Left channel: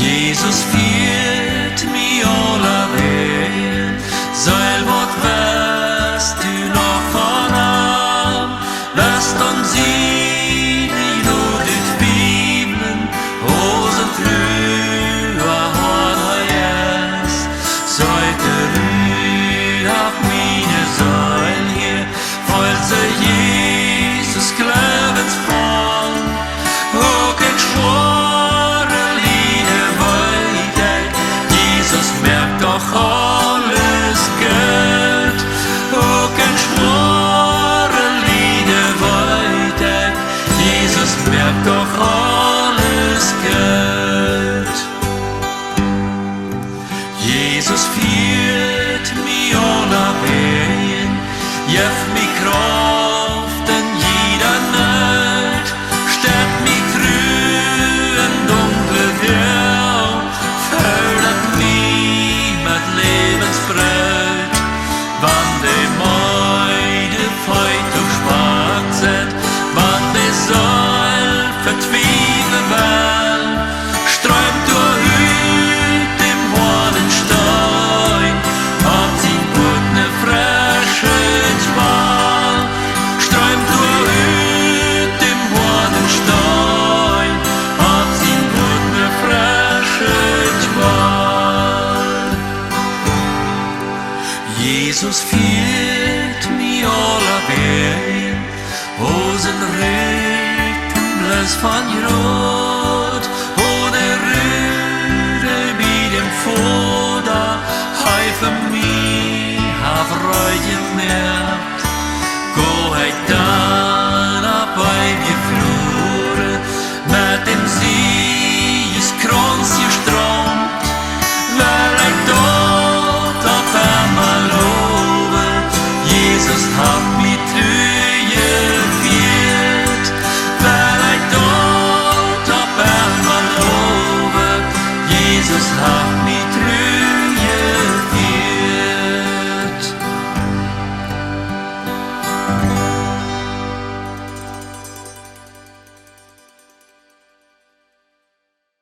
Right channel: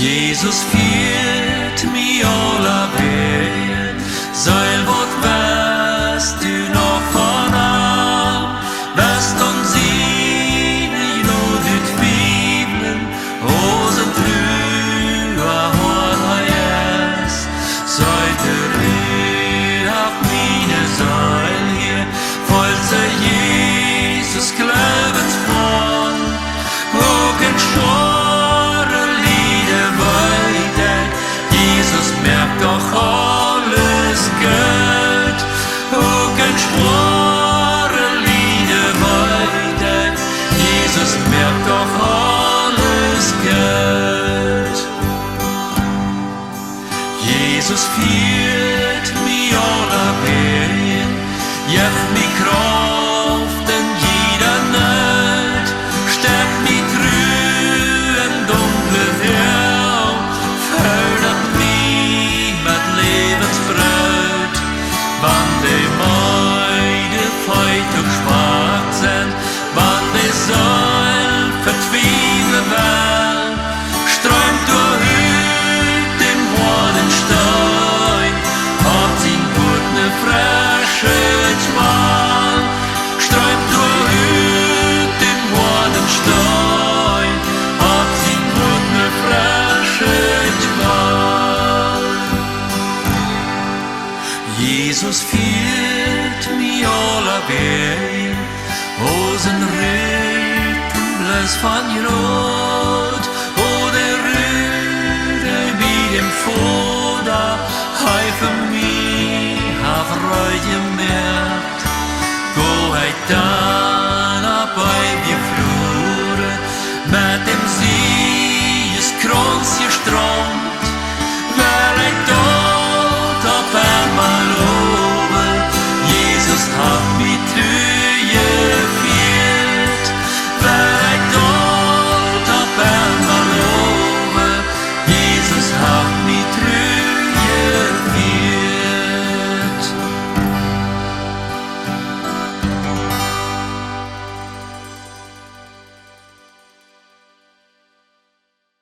Jesus führt mich aller Wege, Seil, wat weißt du noch von ihm? Weißt und sie, die nur die Bibeln, Hosen drüber, hat er es, Seite rühr auf meine Seil hier, falls Jesus Glaubensbrand, hoch ein schwore Lieder weiter, Jesus merkt doch alles Geld, hoch ein schwore Lieder weiter, Jesus merkt doch alles Geld. Jesus führt mich aller Wegen, jeft mich Kraft in jeder Nacht, stärkt mich trüb in dunkle Dau, fördert mich mit Lebensbrot, wann die Meide feit und schwach sind, wann die Seil vertwiebeln will, strömt durch dem harten Stein, ab sin gut ne frische Zwall, strömt durch dem harten Stein, ab sin gut ne frische Zwall. Jesus führt mich aller Wegen, Hosen Rücken bloß von Rot, oder Rüde wie dem Fuder, heife mich auf Freude gemerkt. Go heit dann ab bei wir Flure, mit dem Siegeskranz gestrommt, weil dort ab einmal lobe, Jesus hat mich geführt, weil dort ab einmal lobe, Jesus hat mich